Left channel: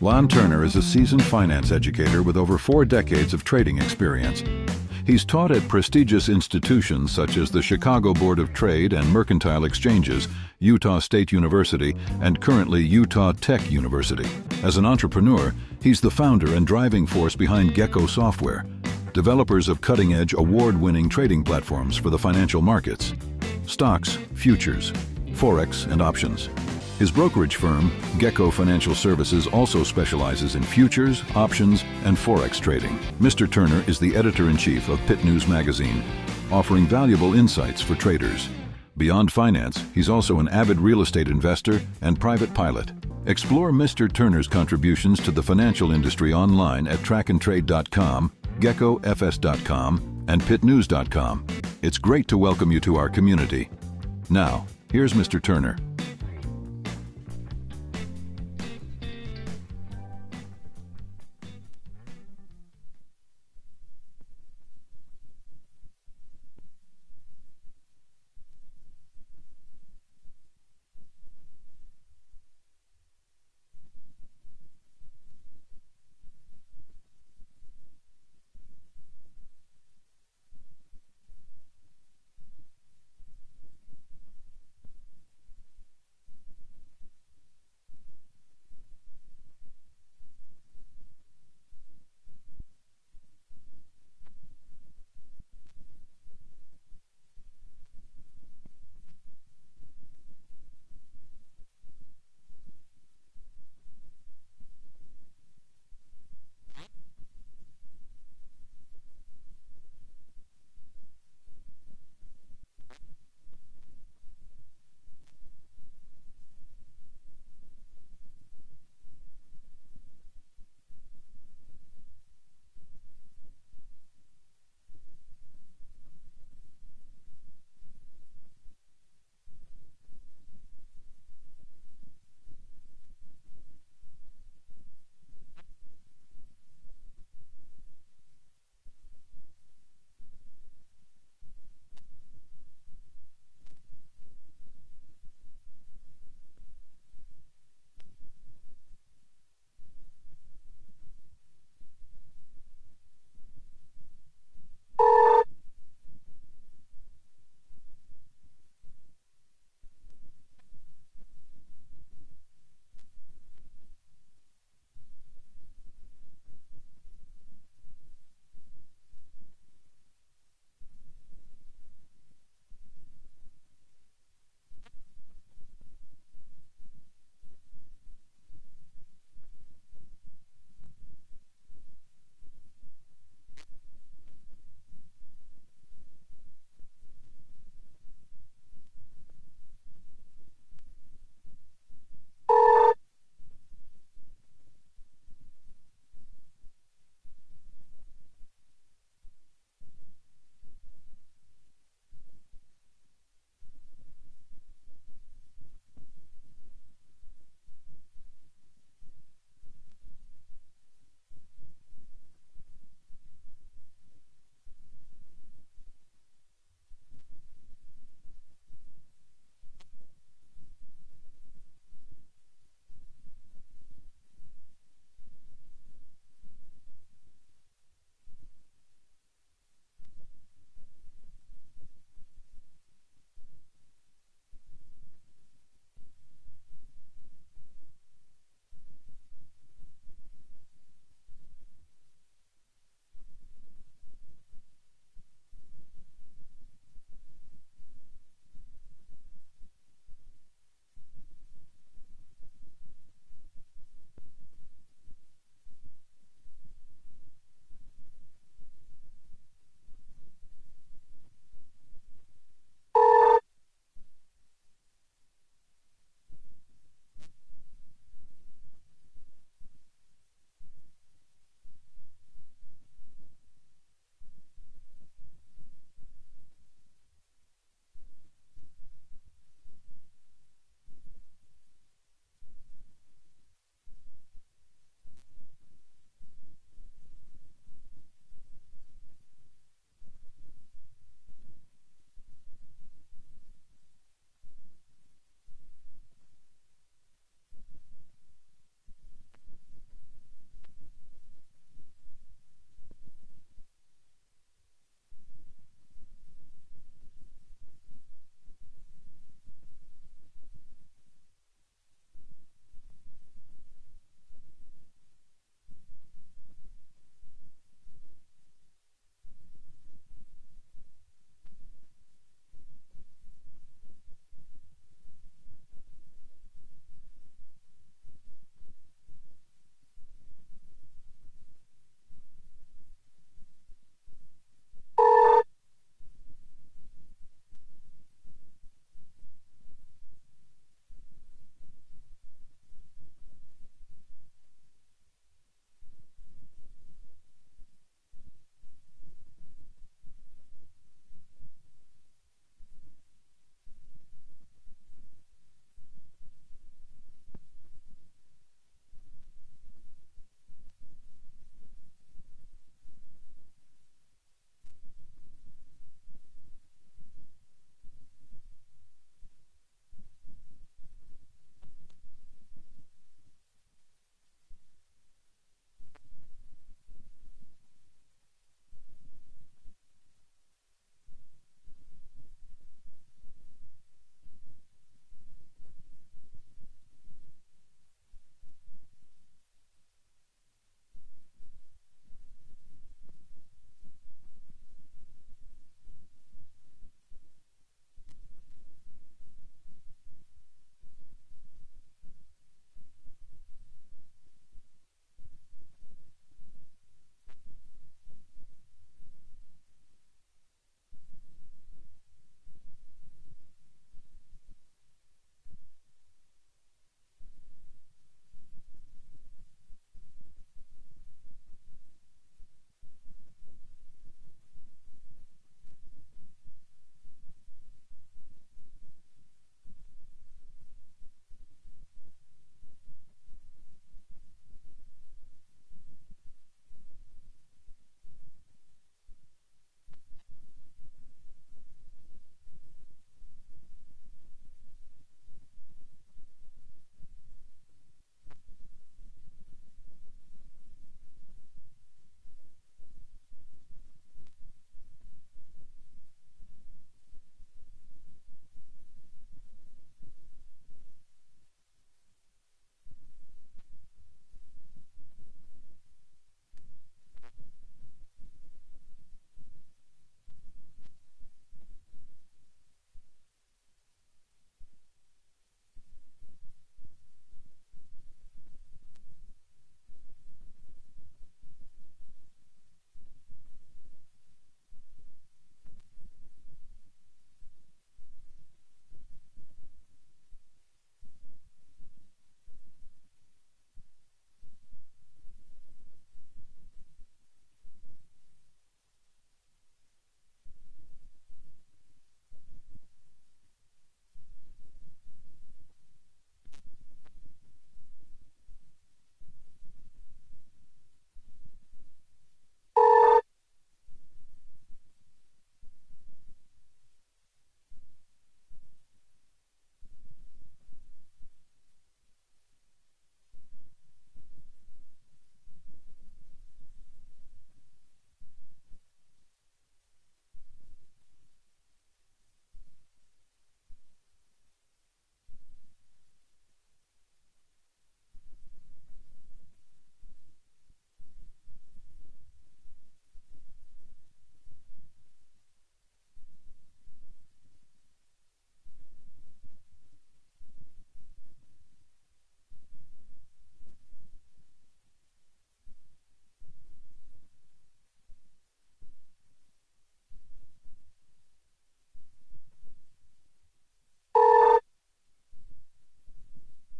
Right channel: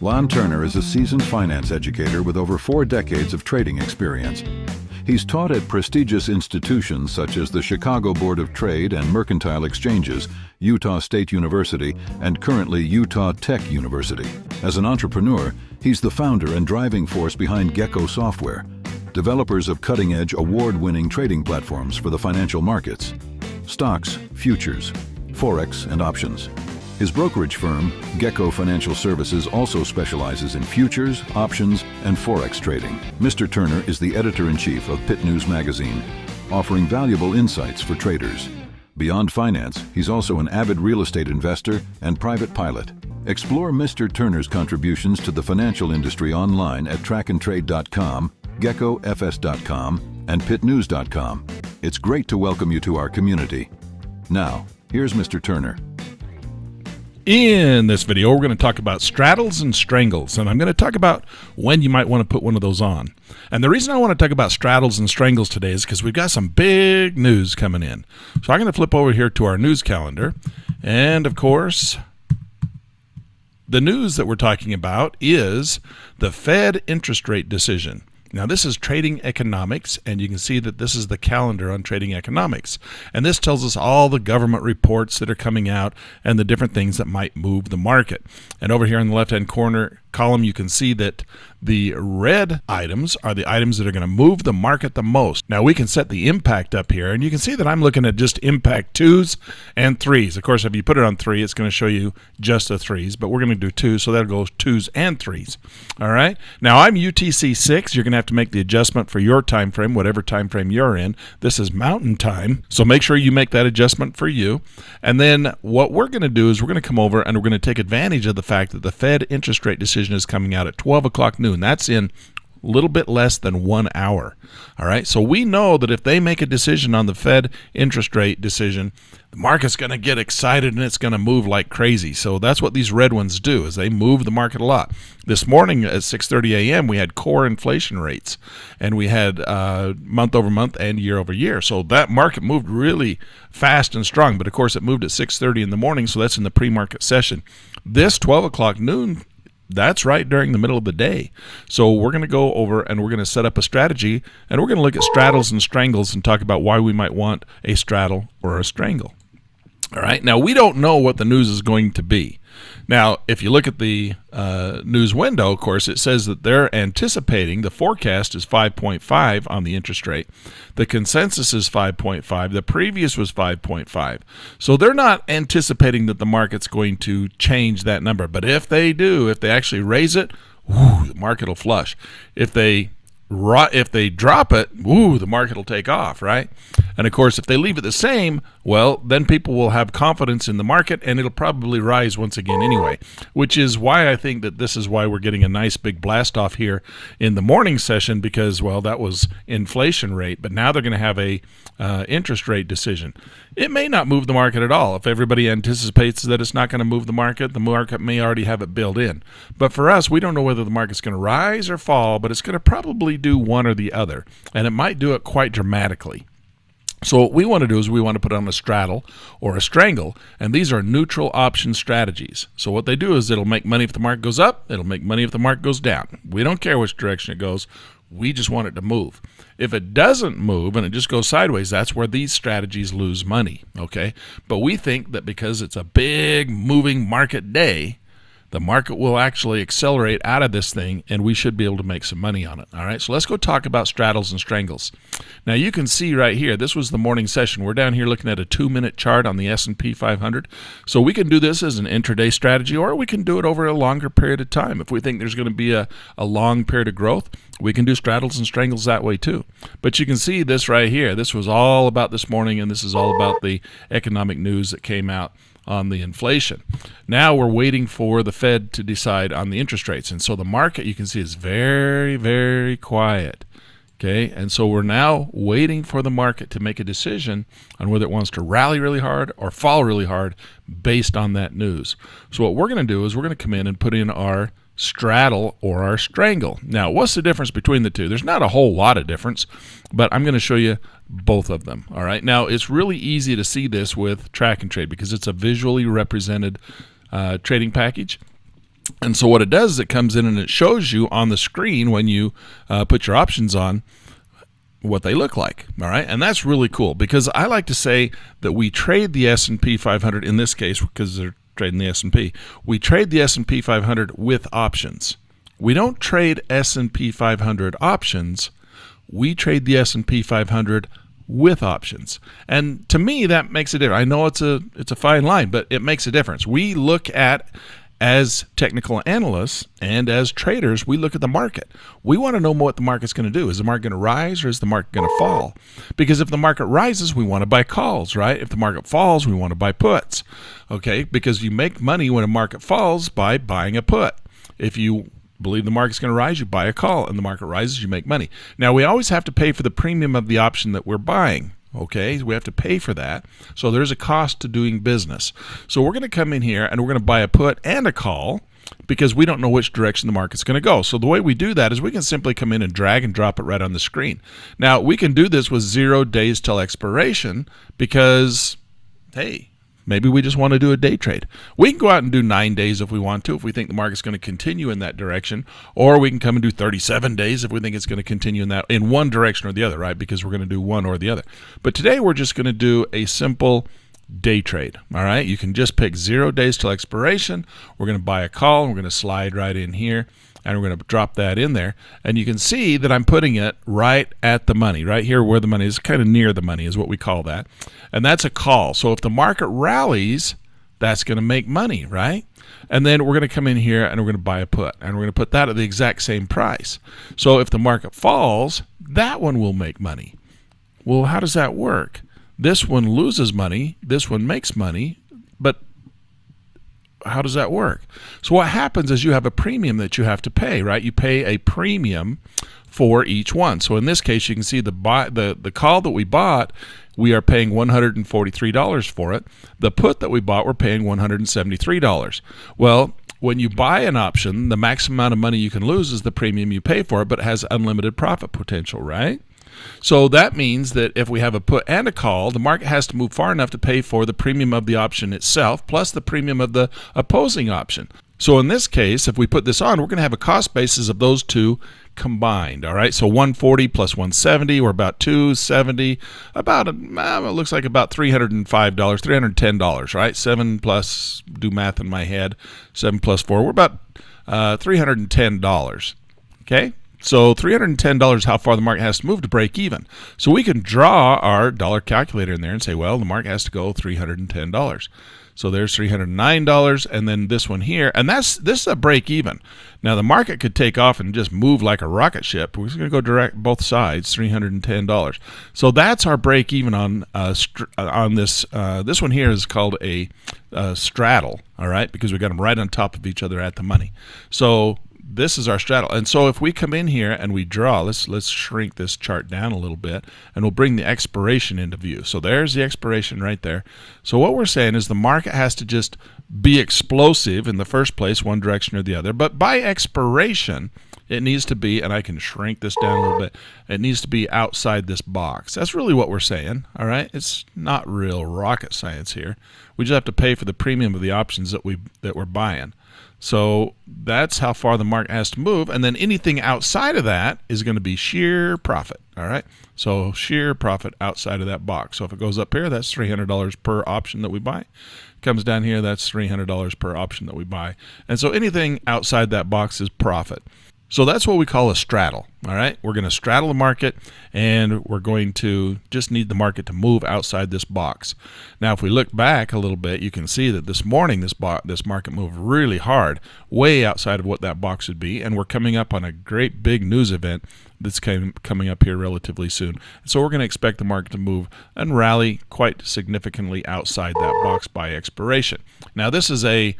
Lon Turner is a seasoned finance educator with over 4 decades of trading experience. He's taught at prestigious institutions such as the Chicago Board of Trade and Mercantile Exchanges, Utah State University, and currently Utah Tech University. As an entrepreneur, he's the founder and driving force behind Gecko Software, developers of cutting-edge, award-winning trading platforms for the financial markets, stocks, futures, forex, and options. His brokerage firm, Gecko Financial Services, also specializes in futures, options, and forex trading. Mr. Turner is the editor-in-chief of Pitt News Magazine, offering valuable insights for traders. Beyond finance, he's also an avid real estate investor and private pilot. Explore Mr. Turner's contributions to the financial industry online at trackandtrade.com, geckofs.com, and pittnews.com. It's great to welcome you to our community. Now, here's Mr. Turner. In this video, we're going to talk about straddles and strangles, and I'm going to talk about when you might want to put one of those on. And the reason I want to talk about straddles and strangles today is because we've got some big news coming in. So I'm going to flip over here to our news calendar, and of course, the news that we're talking about is the Fed interest rate decision. Now, this is Trading Economics, and you can see that this is the calendar on Trading Economics. And this tells us all the government reports that are coming out and the different things that might move the market. And over here in the left-hand corner column, you can see that the red items are the items that are going to move the market the most. Now, we can set the impact up here, and you can see that I'm looking at just impact 2s and 3s. Of course, if you put it on 3, it's going to show you just the 3s, but we're going to do 2, so that'll go 2s and 3s. All right? Now, I'm UTC 6. You're going to have to make the adjustment for your time frame, whatever time frame you're in. This is Mountain Time, so make sure you make that adjustment for you. And then what we're going to do is we're going to come over and we're going to take advantage of the fact that the Fed interest rate decision is coming out at 12 o'clock noon. That's in a little bit less than 1 hour. All right, so we know that if they make a decision on the Fed interest rate decision, the market's going to get excited and it's going to move like crazy. So that's what these red ones do, is they move the market a lot. This morning at 6:30 a.m. we had core inflation rates, and we had month over month and year over year. So that market moved really fast and strong. But of course, it moved at 6:30 in the morning, so that's in the pre-market session. This 12 o'clock noon, that's right during the middle of the day. So we're going to go over and we're going to set up a strategy, and we're going to look at straddles and strangles and talk about why we might want a straddle or a strangle. All right. Now, we don't know what the news is going to be. Now, if you look at the news window, of course, it says that they're anticipating, the forecast is 5.5 on the interest rate. The consensus is 5.5. The previous was 5.5. So they're not anticipating that the market's going to change that number. But if they do, if they actually raise it, the market will flush. If they drop it, the market will take off, right? And of course, if they leave it the same, well, then people will have confidence in the market, and it'll probably rise once again anyway, which is why I think that this is why we're getting a nice big blast off here in the morning session, because, well, that was inflation rate, but now they're going to have a interest rate decision. It may not move the market at all. If everybody anticipates that it's not going to move the market may already have it built in. But for us, we don't know whether the market's going to rise or fall, but it's going to probably do one or the other, and it might do it quite dramatically. So what we want to do is we want to put on a straddle or a strangle, and these are neutral option strategies. So what they do is it'll make money if the market goes up, it'll make money if the market goes down. We don't care which direction it goes. We just want it to move. If it doesn't move and it just goes sideways, that's where these strategies lose money, okay? But we think that because it's a big moving market day, the market will actually accelerate out of this thing, and we should be able to make some money on it. All right, so let's go talk about straddles and strangles. Now, you can see right here, this was the morning session. We're down here looking at a 2-minute chart on the S&P 500. So we can do this as an intraday strategy, or we can do it over a longer period of time. If we think there's going to be a long period of growth, we can do straddles and strangles that way too. But you can see this right here. This was all about this morning, and this is all about the economic news that came out on the inflation. Now we're waiting for the Fed to decide on the interest rates. And so the market, you can see, is very, very quiet. Okay, and so we're now waiting for the market to make a decision on whether it wants to rally really hard or fall really hard based on that news. So what we're going to do is we're going to come in and put in our straddle or our strangle. Now, what's the difference between the two? There's not a whole lot of difference, but I'm going to show you both of them. All right. Now, it's really easy to see this with Track and Trade because it's a visually represented trading package. And so what it does is it comes in and it shows you on the screen when you put your options on what they look like. All right, and that's really cool, because I like to say that we trade the S&P 500 in this case, because they're trading the S&P. We trade the S&P 500 with options. We don't trade S&P 500 options. We trade the S&P 500 with options. And to me, that makes a difference. I know it's a fine line, but it makes a difference. We look at, as technical analysts and as traders, we look at the market. We want to know what the market's going to do. Is the market going to rise or is the market going to fall? Because if the market rises, we want to buy calls, right? If the market falls, we want to buy puts, okay? Because you make money when a market falls by buying a put. If you believe the market's going to rise, you buy a call, and the market rises, you make money. Now, we always have to pay for the premium of the option that we're buying. Okay, we have to pay for that. So there's a cost to doing business. So we're going to come in here and we're going to buy a put and a call, because we don't know which direction the market's going to go. So the way we do that is we can simply come in and drag and drop it right on the screen. Now, we can do this with 0 days till expiration because, hey, maybe we just want to do a day trade. We can go out and do 9 days if we want to, if we think the market's going to continue in that direction, or we can come and do 37 days if we think it's going to continue in one direction or the other, right? Because we're going to do one or the other. But today we're just going to do a simple day trade, all right? You can just pick 0 days till expiration. We're going to buy a call, and we're going to slide right in here, and we're going to drop that in there. And you can see that I'm putting it right at the money, right here where the money is, kind of near the money is what we call that. And that's a call. So if the market rallies, that's going to make money, right? And then we're going to come in here and we're going to buy a put, and we're going to put that at the exact same price. So if the market falls, that one will make money. Well, how does that work? This one loses money, this one makes money, but how does that work? So what happens is you have a premium that you have to pay, right? You pay a premium for each one. So in this case, you can see the call that we bought, we are paying $143 for it. The put that we bought, we're paying $173. Well, when you buy an option, the maximum amount of money you can lose is the premium you pay for it, but it has unlimited profit potential, right? So that means that if we have a put and a call, the market has to move far enough to pay for the premium of the option itself plus the premium of the opposing option. So in this case, if we put this on, we're going to have a cost basis of those two combined, all right? So 140 plus 170, we're about 270, about, it looks like about $305, $310, right? 7 plus, do math in my head, 7 plus 4, we're about $310, okay? So $310, how far the market has to move to break even. So we can draw our dollar calculator in there and say, well, the market has to go $310. So there's $309, and then this one here, and this is a break even. Now the market could take off and just move like a rocket ship. We're just going to go direct both sides, $310. So that's our break even on this. This one here is called a straddle, all right, because we got them right on top of each other at the money. So this is our straddle. And so if we come in here and we draw, let's shrink this chart down a little bit, and we'll bring the expiration into view. So there's the expiration right there. So what we're saying is the market has to just be explosive in the first place, one direction or the other. But by expiration, it needs to be, and I can shrink this down a little bit, it needs to be outside this box. That's really what we're saying, all right? It's not real rocket science here. We just have to pay for the premium of the options that we're buying. So that's how far the market has to move, and then anything outside of that is going to be sheer profit, all right? So sheer profit outside of that box. So if it goes up here, that's $300 per option that we buy. Comes down here, that's $300 per option that we buy. And so anything outside that box is profit. So that's what we call a straddle, all right? We're going to straddle the market, and we're going to just need the market to move outside this box. Now, if we look back a little bit, you can see that this morning this market moved really hard, way outside of what that box would be, and we're coming up on a great big news event that's coming up here relatively soon. So we're going to expect the market to move and rally quite significantly outside that box by expiration. Now, this is a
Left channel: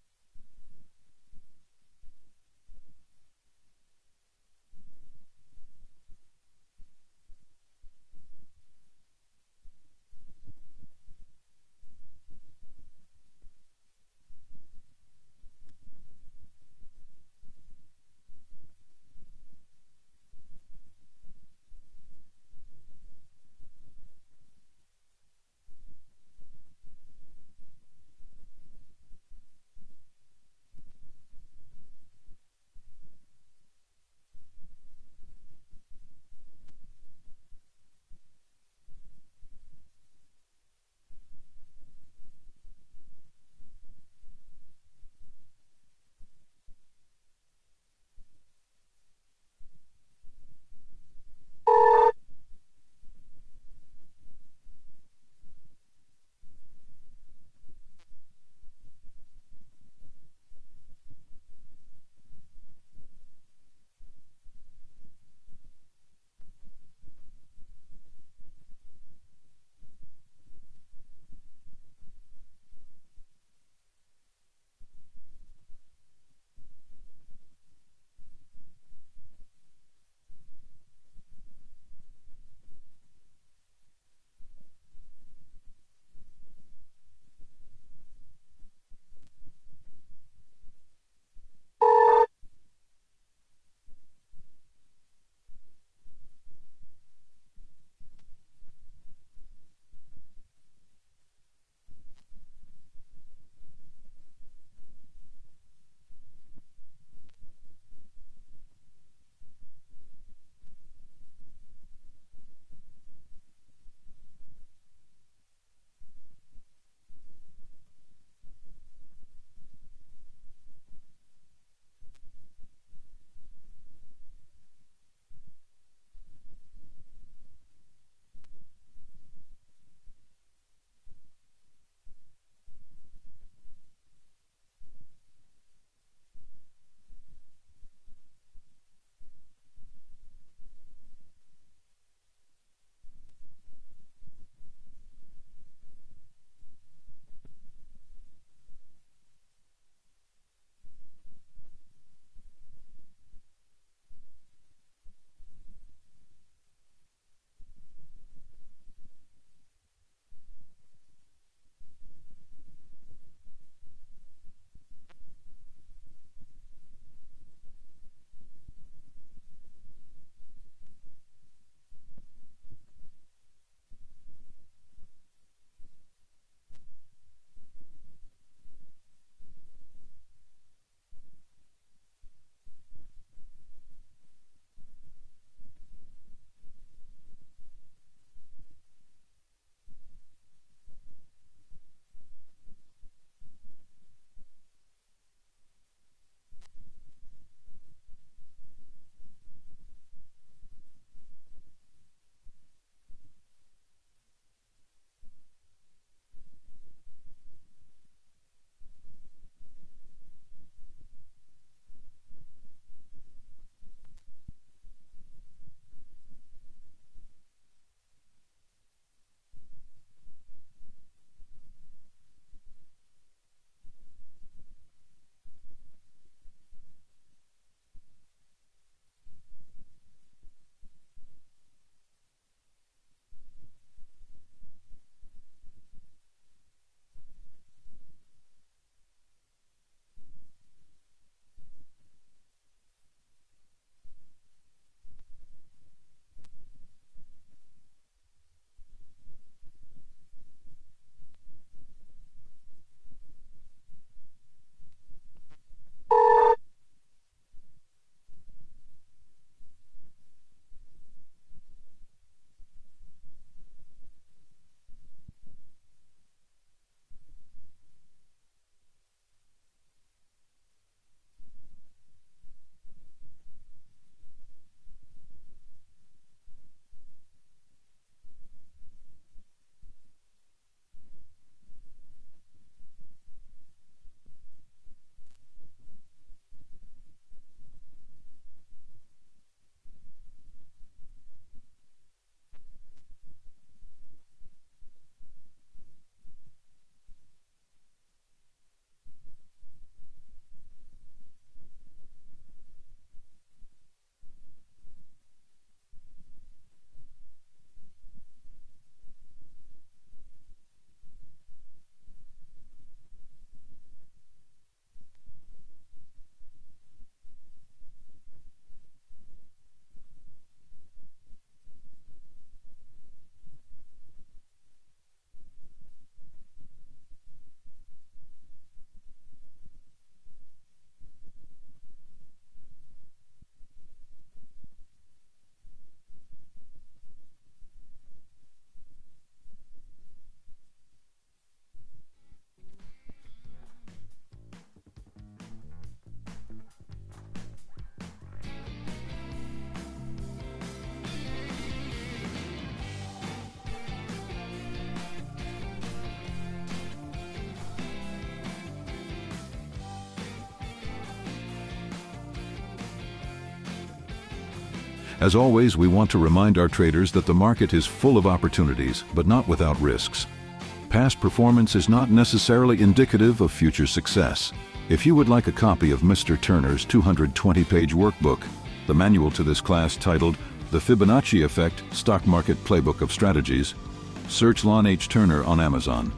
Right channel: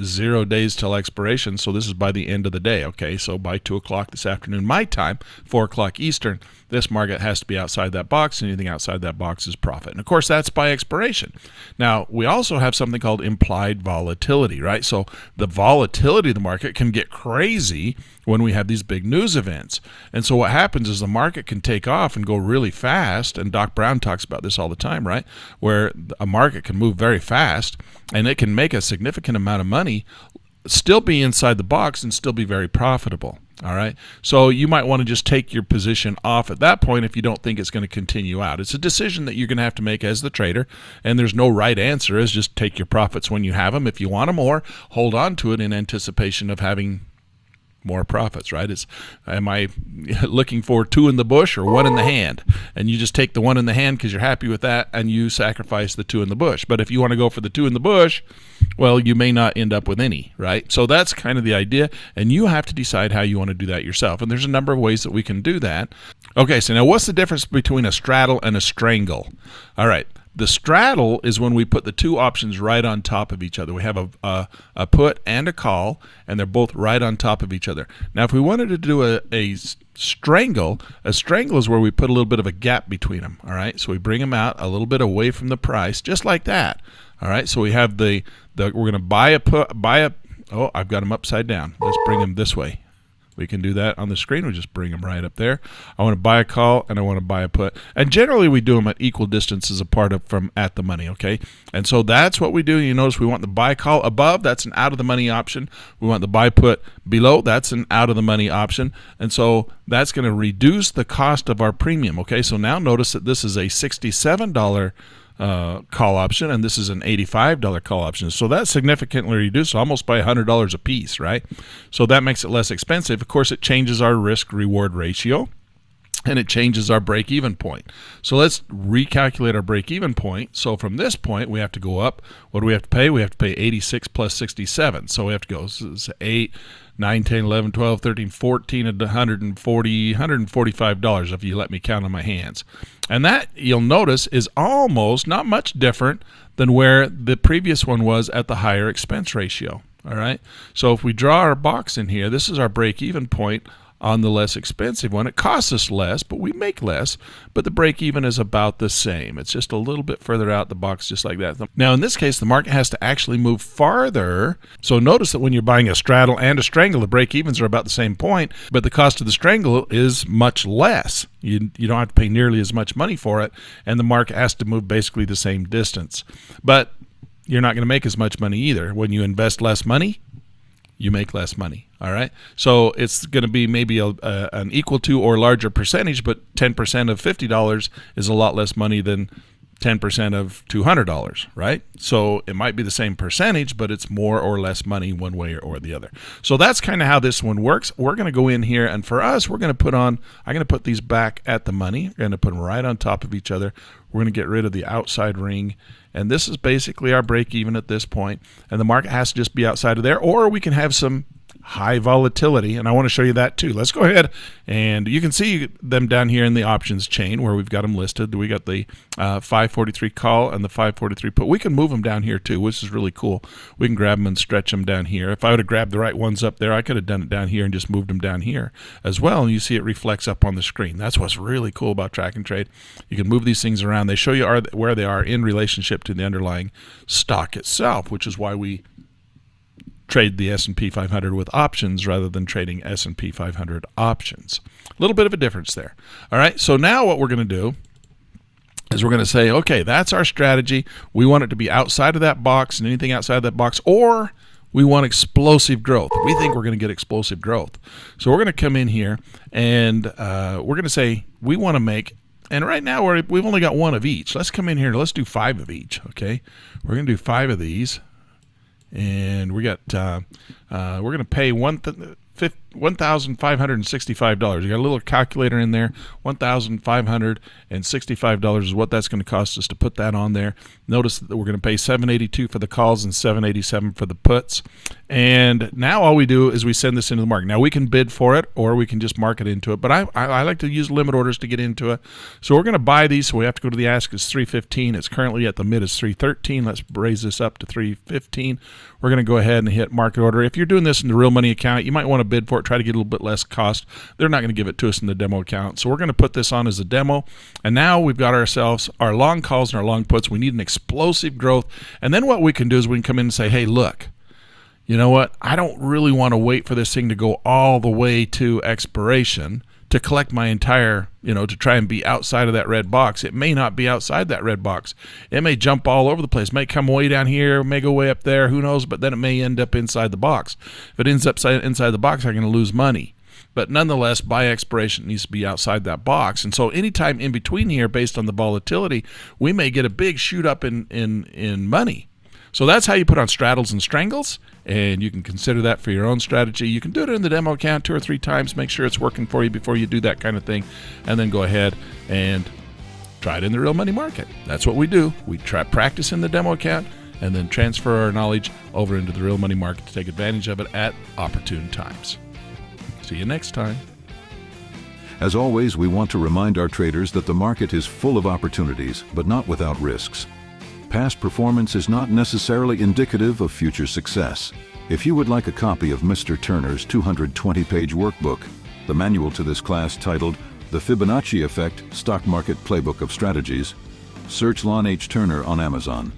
0 days till expiration, so this is by the end of the day, okay? So by 2 o'clock this afternoon, my time, 4 o'clock Eastern, this market has to be outside that box, and anything outside that box is profit. And of course, that's by expiration. Now, we also have something called implied volatility, right? So the volatility of the market can get crazy when we have these big news events. And so what happens is the market can take off and go really fast, and Doc Brown talks about this all the time, right? Where a market can move very fast, and it can make a significant amount of money still be inside the box and still be very profitable. All right. So you might want to just take your position off at that point if you don't think it's going to continue out. It's a decision that you're going to have to make as the trader, and there's no right answer. Is just take your profits when you have them. If you want them, or hold on to it in anticipation of having more profits, right? Am I looking for 2 in the bush or 1 in the hand? And you just take the 1 in the hand because you're happy with that, and you sacrifice the 2 in the bush. But if you want to go for the 2 in the bush, well, you may not end up with any, right? So that's kind of the idea, and you have to decide how you want to do that yourself. And there's a number of ways that we can do that. Okay, so now what's the difference between a straddle and a strangle? All right. The straddle is when we put the 2 options right on top of each other. We have a put and a call, and they're both right on top of each other. Now, if we wanted to do a strangle is where we put a little bit of a gap between them. All right, so we bring them out a little bit away from the price, just like that. All right, so we have we're going to buy a. Oh, I've got them upside down. Let's bring them this way. We can do that on the screen. We just bring them right up there. I want to buy a call and I want to buy a put. And generally we do them at equal distances apart from at the money, okay? And so that's what we do. You notice we want the buy call above. That's an out of the money option. We want the buy put below. That's an out of the money option. And so that's going to reduce the cost of our premium, okay? So now notice that this is a $67 call option, and this is an $85 call option. So that's significantly reduced, almost by $100 a piece, right? So that makes it less expensive. Of course, it changes our risk-reward ratio, and it changes our break-even point. So let's recalculate our break-even point. So from this point, we have to go up. What do we have to pay? We have to pay 86 plus 67. So we have to go 8, 9, 10, 11, 12, 13, 14, $145 if you let me count on my hands. And that, you'll notice, is almost not much different than where the previous one was at the higher expense ratio. All right. So if we draw our box in here, this is our break-even point on the less expensive one. It costs us less, but we make less, but the break-even is about the same. It's just a little bit further out the box, just like that. Now, in this case, the market has to actually move farther. So notice that when you're buying a straddle and a strangle, the break-evens are about the same point, but the cost of the strangle is much less. You don't have to pay nearly as much money for it, and the market has to move basically the same distance. But you're not going to make as much money either. When you invest less money, you make less money. All right. So it's going to be maybe an equal to or larger percentage, but 10% of $50 is a lot less money than 10% of $200, right? So it might be the same percentage, but it's more or less money one way or the other. So that's kind of how this one works. We're going to go in here, and for us, I'm going to put these back at the money. We're going to put them right on top of each other. We're going to get rid of the outside ring. And this is basically our break even at this point. And the market has to just be outside of there, or we can have some high volatility, and I want to show you that too. Let's go ahead, and you can see them down here in the options chain where we've got them listed. We got the 543 call and the 543 put. We can move them down here too, which is really cool. We can grab them and stretch them down here. If I would have grabbed the right ones up there, I could have done it down here and just moved them down here as well, and you see it reflects up on the screen. That's what's really cool about track and trade. You can move these things around. They show you where they are in relationship to the underlying stock itself, which is why we trade the S&P 500 with options rather than trading S&P 500 options. A little bit of a difference there. All right, so now what we're going to do is we're going to say, okay, that's our strategy. We want it to be outside of that box and anything outside of that box, or we want explosive growth. We think we're going to get explosive growth. So we're going to come in here and we're going to say we want to make, and right now we've only got one of each. Let's come in here. Let's do 5 of each, okay? We're going to do 5 of these. And we got we're going to pay $1,565. You got a little calculator in there. $1,565 is what that's going to cost us to put that on there. Notice that we're going to pay $782 for the calls and $787 for the puts. And now all we do is we send this into the market. Now we can bid for it, or we can just market into it. But I like to use limit orders to get into it. So we're going to buy these. So we have to go to the ask is 315. It's currently at the mid is 313. Let's raise this up to 315. We're going to go ahead and hit market order. If you're doing this in the real money account, you might want to bid for it, try to get a little bit less cost. They're not going to give it to us in the demo account. So we're going to put this on as a demo. And now we've got ourselves our long calls and our long puts. We need an explosive growth. And then what we can do is we can come in and say, hey, look, you know what? I don't really want to wait for this thing to go all the way to expiration to collect my entire, to try and be outside of that red box. It may not be outside that red box. It may jump all over the place. It may come way down here, may go way up there, who knows, but then it may end up inside the box. If it ends up inside the box, I'm going to lose money. But nonetheless, by expiration, it needs to be outside that box. And so anytime in between here, based on the volatility, we may get a big shoot up in money. So that's how you put on straddles and strangles, and you can consider that for your own strategy. You can do it in the demo account 2 or 3 times, make sure it's working for you before you do that kind of thing, and then go ahead and try it in the real money market. That's what we do. We try practice in the demo account and then transfer our knowledge over into the real money market to take advantage of it at opportune times. See you next time. As always, we want to remind our traders that the market is full of opportunities, but not without risks. Past performance is not necessarily indicative of future success. If you would like a copy of Mr. Turner's 220-page workbook, the manual to this class titled The Fibonacci Effect Stock Market Playbook of Strategies, search Lon H. Turner on Amazon.